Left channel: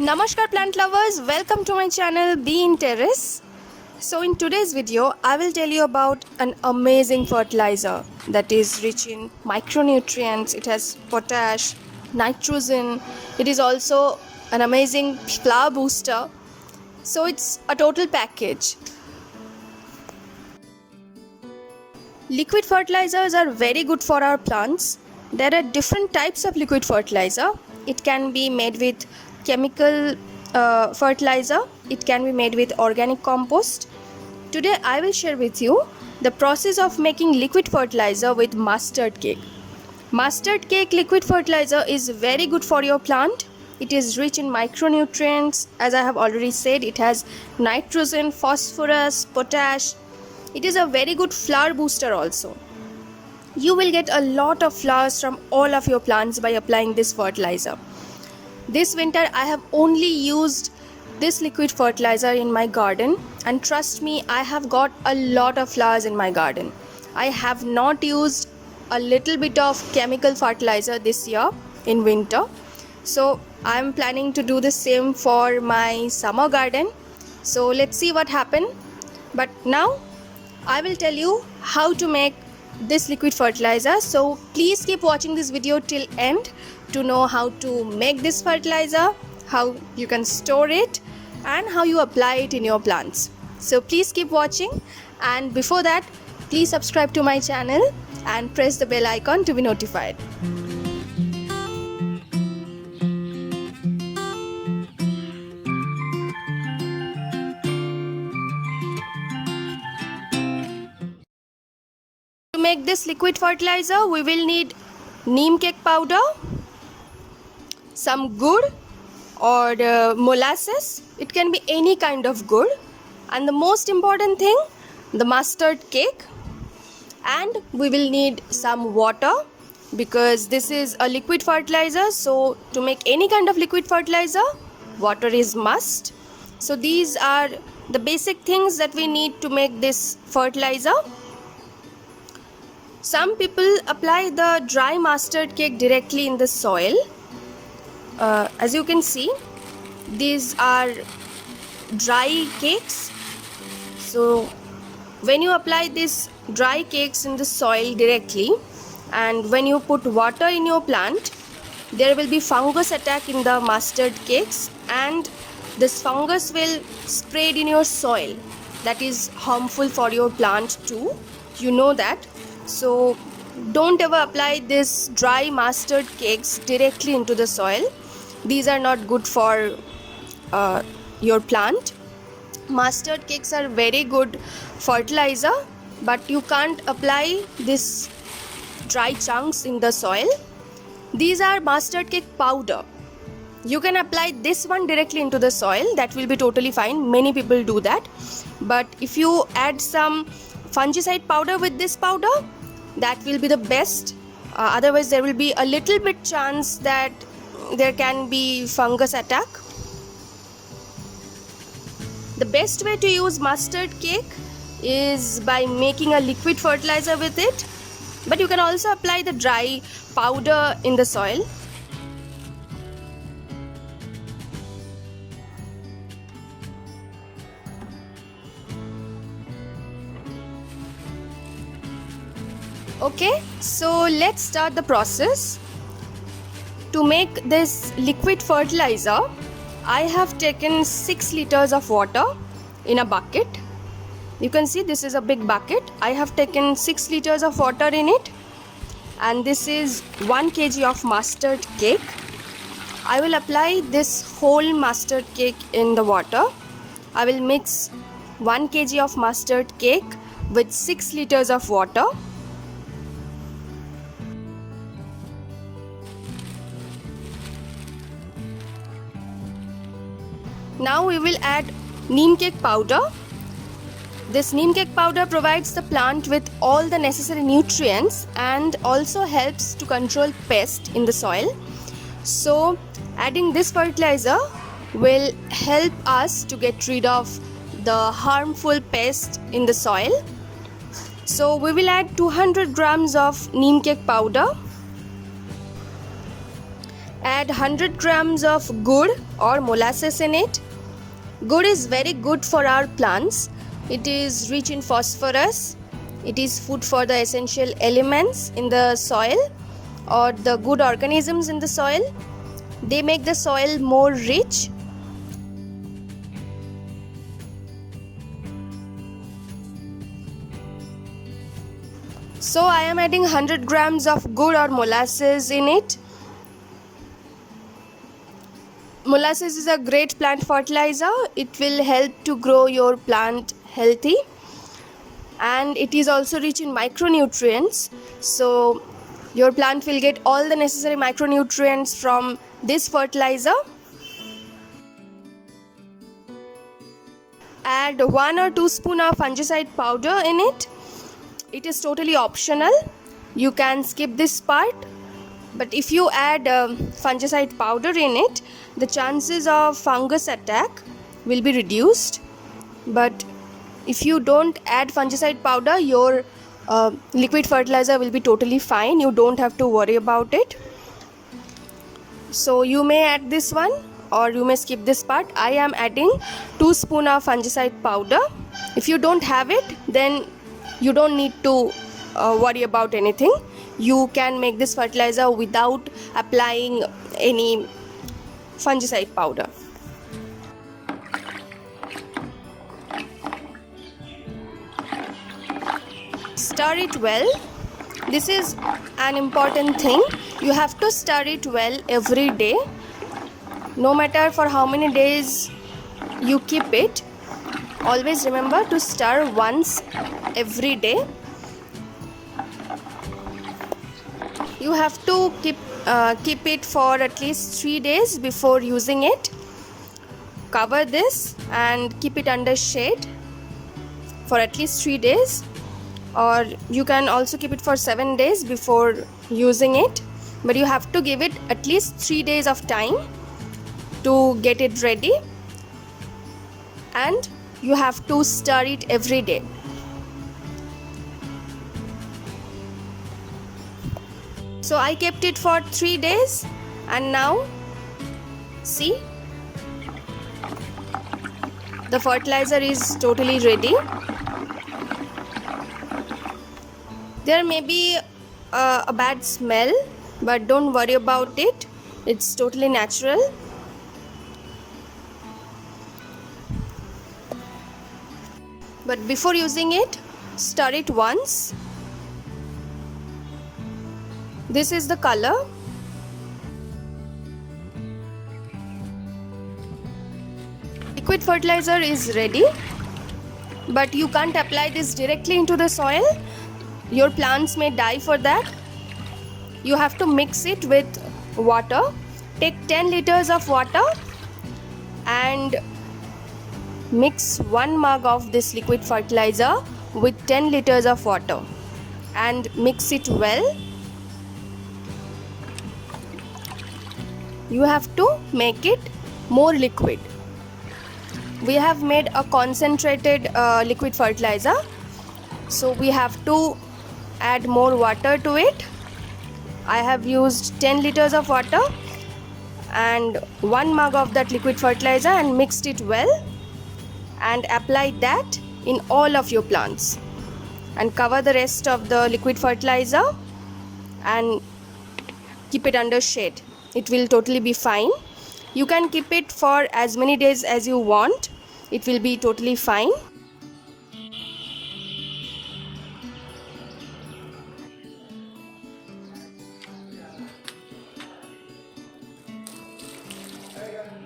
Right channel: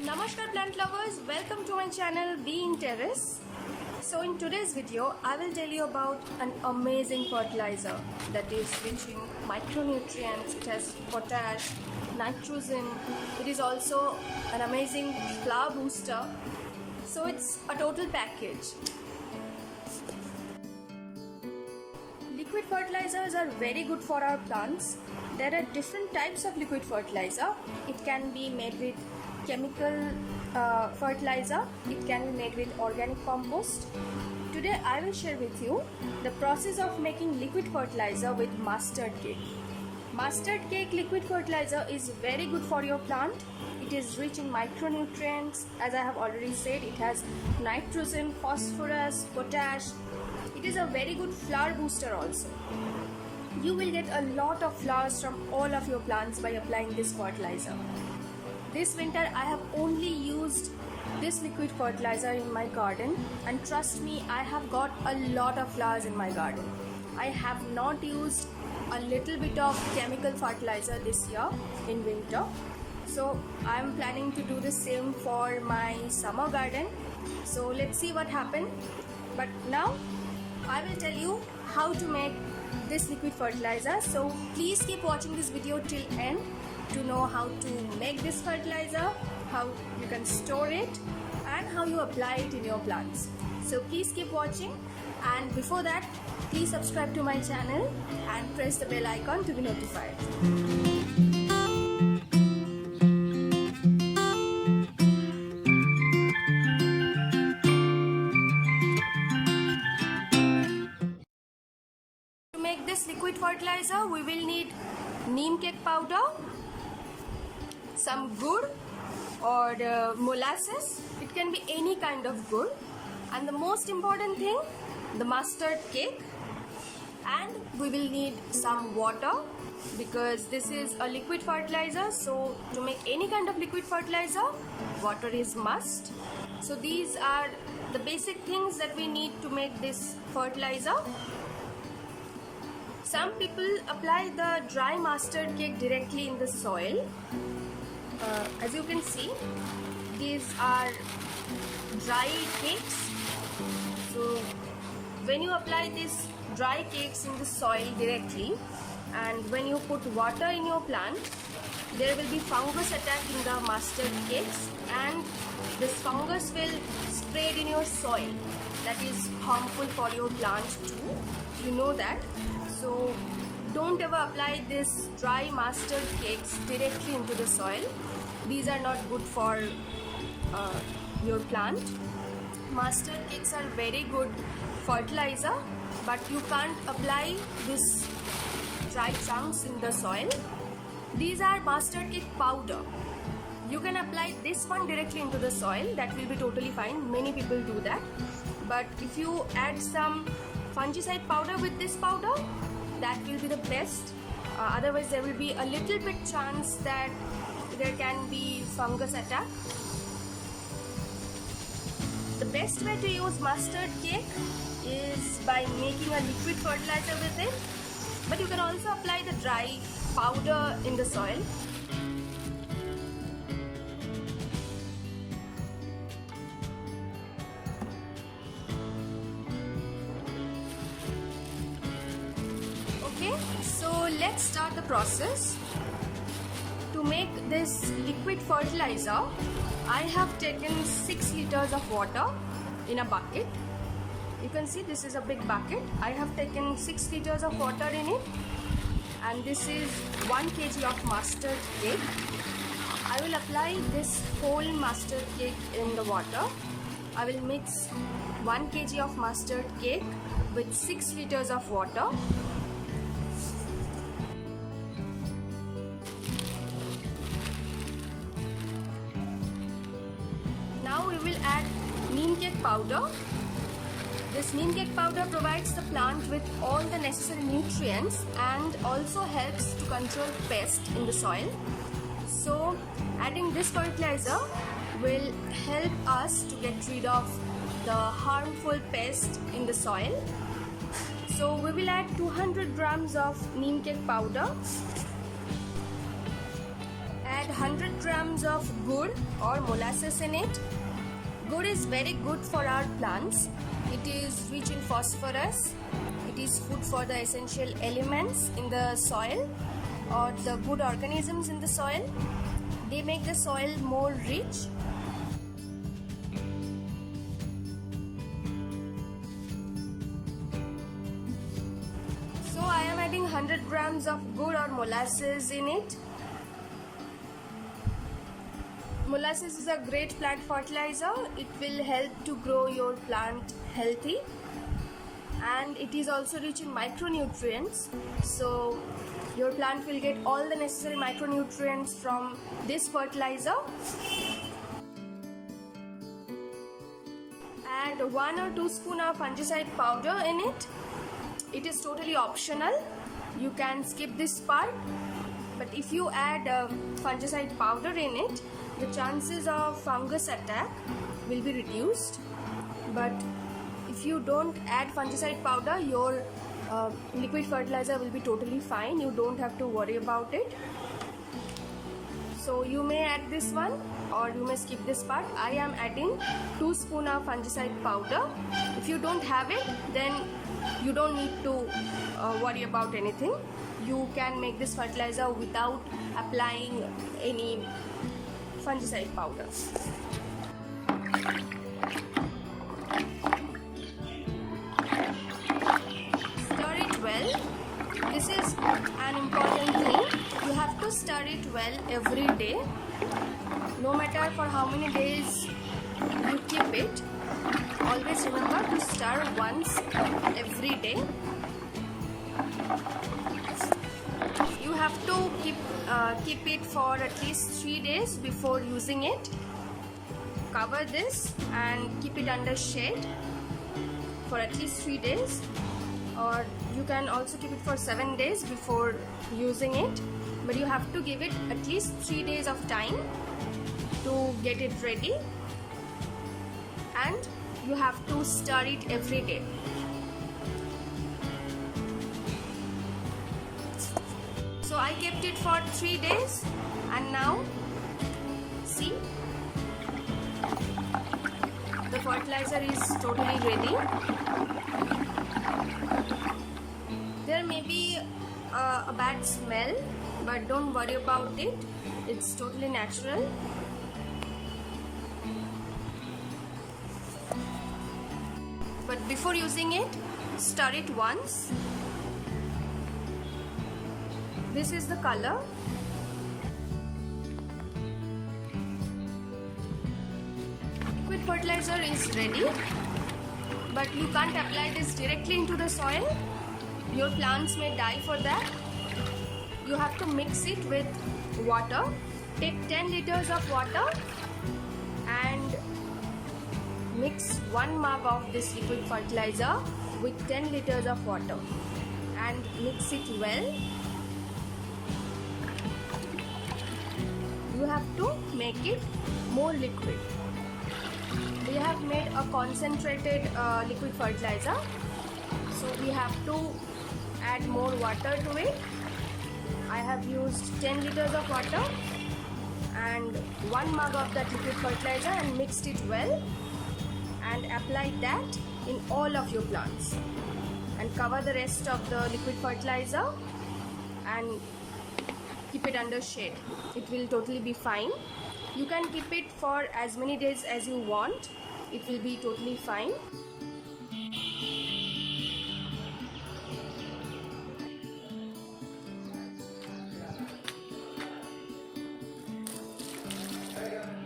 Namaskar plant lovers, welcome to my channel Be in Terrace. So in today's video, I will tell you about an amazing fertilizer that is rich in micronutrients. It has potash, nitrogen. It is also an amazing flower booster. So it's a total package. Liquid fertilizers are very good for our plants. There are different types of liquid fertilizer. It can be made with chemical fertilizer. It can be made with organic compost. Today I will share with you the process of making liquid fertilizer with mustard cake. Mustard cake liquid fertilizer is very good for your plant. It is rich in micronutrients. As I have already said, it has nitrogen, phosphorus, potash. It is a very good flower booster also. You will get a lot of flowers from all of your plants by applying this fertilizer. This winter I have only used this liquid fertilizer in my garden, and trust me, I have got a lot of flowers in my garden. I have not used a little bit of chemical fertilizer this year in winter. So I am planning to do the same for my summer garden. So let's see what happens. But now I will tell you how to make this liquid fertilizer. So please keep watching this video till end to know how to make this fertilizer, how you can store it, and how you apply it in your plants. So please keep watching, and before that, please subscribe to my channel and press the bell icon to be notified. To make this liquid fertilizer, we will need neem cake powder, some gur or molasses. It can be any kind of gur, and the most important thing, the mustard cake. And we will need some water because this is a liquid fertilizer. So to make any kind of liquid fertilizer, water is must. So these are the basic things that we need to make this fertilizer. Some people apply the dry mustard cake directly in the soil. As you can see, these are dry cakes. So when you apply these dry cakes in the soil directly, and when you put water in your plant, there will be fungus attack in the mustard cakes, and this fungus will spread in your soil. That is harmful for your plant too. You know that. So don't ever apply this dry mustard cakes directly into the soil. These are not good for your plant. Mustard cakes are very good fertilizer, but you can't apply this dry chunks in the soil. These are mustard cake powder. You can apply this one directly into the soil. That will be totally fine. Many people do that. But if you add some fungicide powder with this powder, that will be the best. Otherwise there will be a little bit chance that there can be fungus attack. The best way to use mustard cake is by making a liquid fertilizer with it, but you can also apply the dry powder in the soil. Okay, so let's start the process. To make this liquid fertilizer, I have taken 6 liters of water in a bucket. You can see this is a big bucket. I have taken 6 liters of water in it, and this is 1 kg of mustard cake. I will apply this whole mustard cake in the water. I will mix 1 kg of mustard cake with 6 liters of water. Now we will add neem cake powder. This neem cake powder provides the plant with all the necessary nutrients and also helps to control pests in the soil. So adding this fertilizer will help us to get rid of the harmful pests in the soil. So we will add 200 grams of neem cake powder. Add 100 grams of gur or molasses in it. Gur is very good for our plants. It is rich in phosphorus. It is food for the essential elements in the soil or the good organisms in the soil. They make the soil more rich. So I am adding 100 grams of gur or molasses in it. Molasses is a great plant fertilizer. It will help to grow your plant healthy, and it is also rich in micronutrients. So your plant will get all the necessary micronutrients from this fertilizer. Add 1 or 2 spoons of fungicide powder in it. It is totally optional. You can skip this part. But if you add fungicide powder in it, the chances of fungus attack will be reduced. But if you don't add fungicide powder, your liquid fertilizer will be totally fine. You don't have to worry about it. So you may add this one or you may skip this part. I am adding 2 spoons of fungicide powder. If you don't have it, then you don't need to worry about anything. You can make this fertilizer without applying any fungicide powder. Stir it well. This is an important thing. You have to stir it well every day. No matter for how many days you keep it, always remember to stir once every day. You have to keep it for at least 3 days before using it. Cover this and keep it under shade for at least 3 days, or you can also keep it for 7 days before using it, but you have to give it at least 3 days of time to get it ready, and you have to stir it every day. So I kept it for 3 days, and now see, the fertilizer is totally ready. There may be a bad smell, but don't worry about it. It's totally natural. But before using it, stir it once. This is the color. Liquid fertilizer is ready, but you can't apply this directly into the soil. Your plants may die for that. You have to mix it with water. Take 10 liters of water and mix 1 mug of this liquid fertilizer with 10 liters of water and mix it well. You have to make it more liquid. We have made a concentrated liquid fertilizer, so we have to add more water to it. I have used 10 liters of water and 1 mug of that liquid fertilizer and mixed it well, and apply that in all of your plants, and cover the rest of the liquid fertilizer and keep it under shade. It will totally be fine. You can keep it for as many days as you want. It will be totally fine.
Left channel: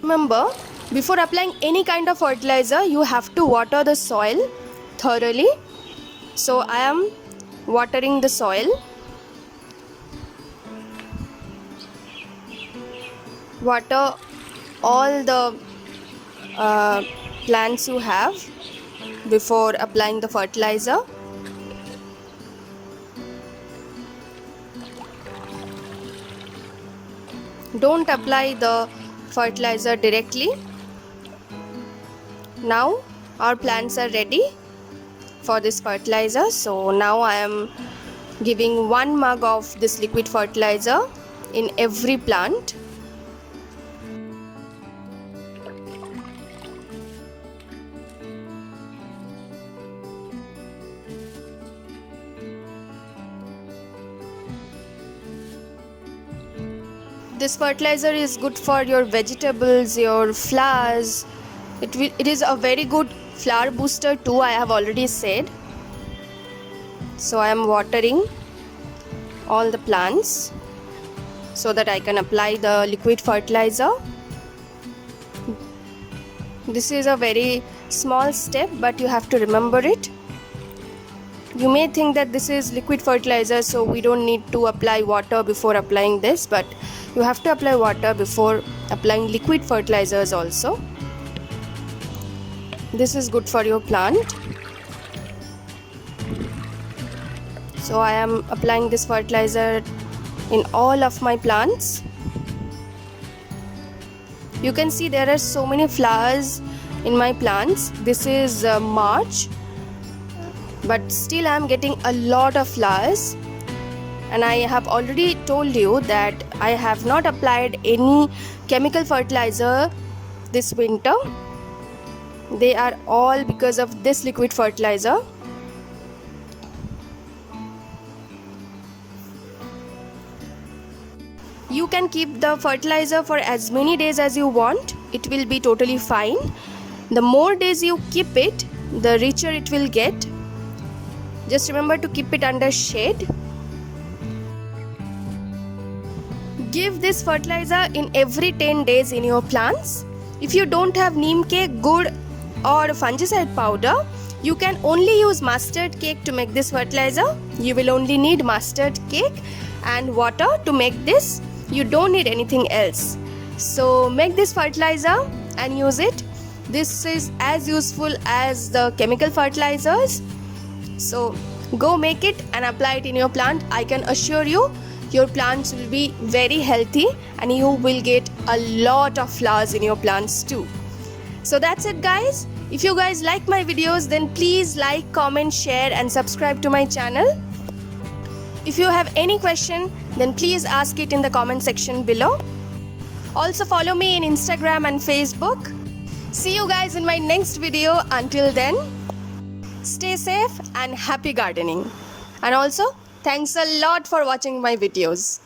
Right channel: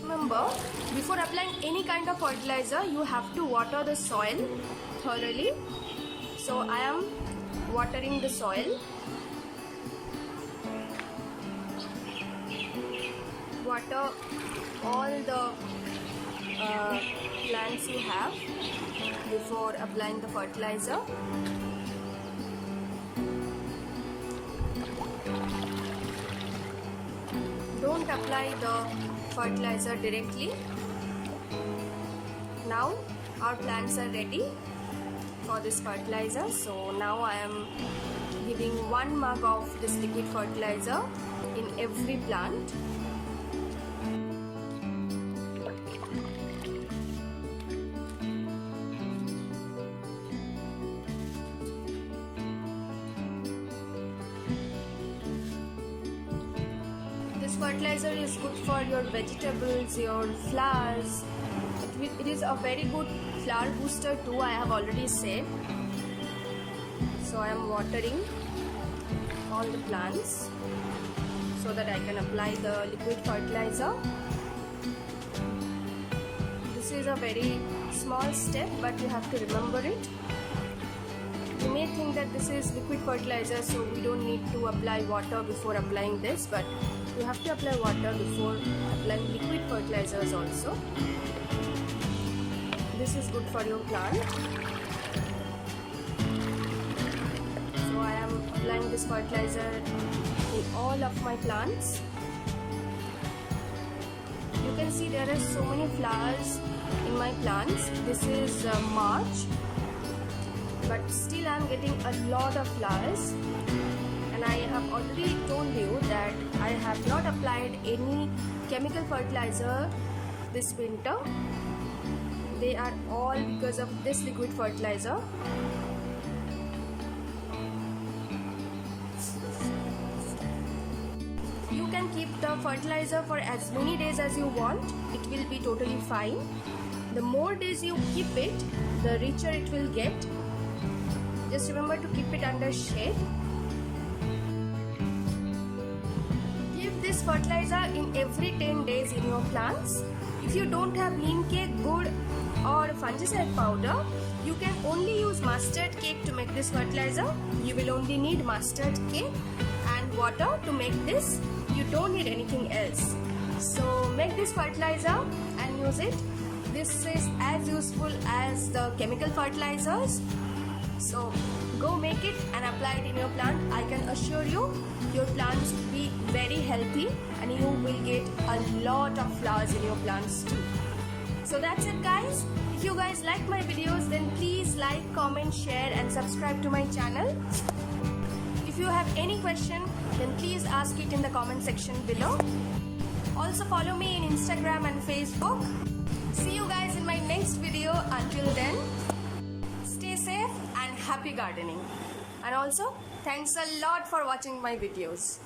Remember, before applying any kind of fertilizer, you have to water the soil thoroughly. So I am watering the soil. Water all the plants you have before applying the fertilizer. Don't apply the fertilizer directly. Now our plants are ready for this fertilizer. So now I am giving 1 mug of this liquid fertilizer in every plant. This fertilizer is good for your vegetables, your flowers. It is a very good flower booster too, I have already said. So I am watering all the plants so that I can apply the liquid fertilizer. This is a very small step, but you have to remember it. You may think that this is liquid fertilizer, so we don't need to apply water before applying this, but you have to apply water before applying liquid fertilizers also. This is good for your plant. So I am applying this fertilizer in all of my plants. You can see there are so many flowers in my plants. This is March, but still I am getting a lot of flowers. And I have already told you that I have not applied any chemical fertilizer this winter. They are all because of this liquid fertilizer. You can keep the fertilizer for as many days as you want. It will be totally fine. The more days you keep it, the richer it will get. Just remember to keep it under shade. Give this fertilizer in every 10 days in your plants. If you don't have neem cake, gur or fungicide powder, you can only use mustard cake to make this fertilizer. You will only need mustard cake and water to make this. You don't need anything else. So make this fertilizer and use it. This is as useful as the chemical fertilizers. So go make it and apply it in your plant. I can assure you, your plants will be very healthy and you will get a lot of flowers in your plants too. So that's it guys. If you guys like my videos, then please like, comment, share and subscribe to my channel. If you have any question, then please ask it in the comment section below. Also follow me in Instagram and Facebook. See you guys in my next video. Until then, stay safe and happy gardening. And also, thanks a lot for watching my videos.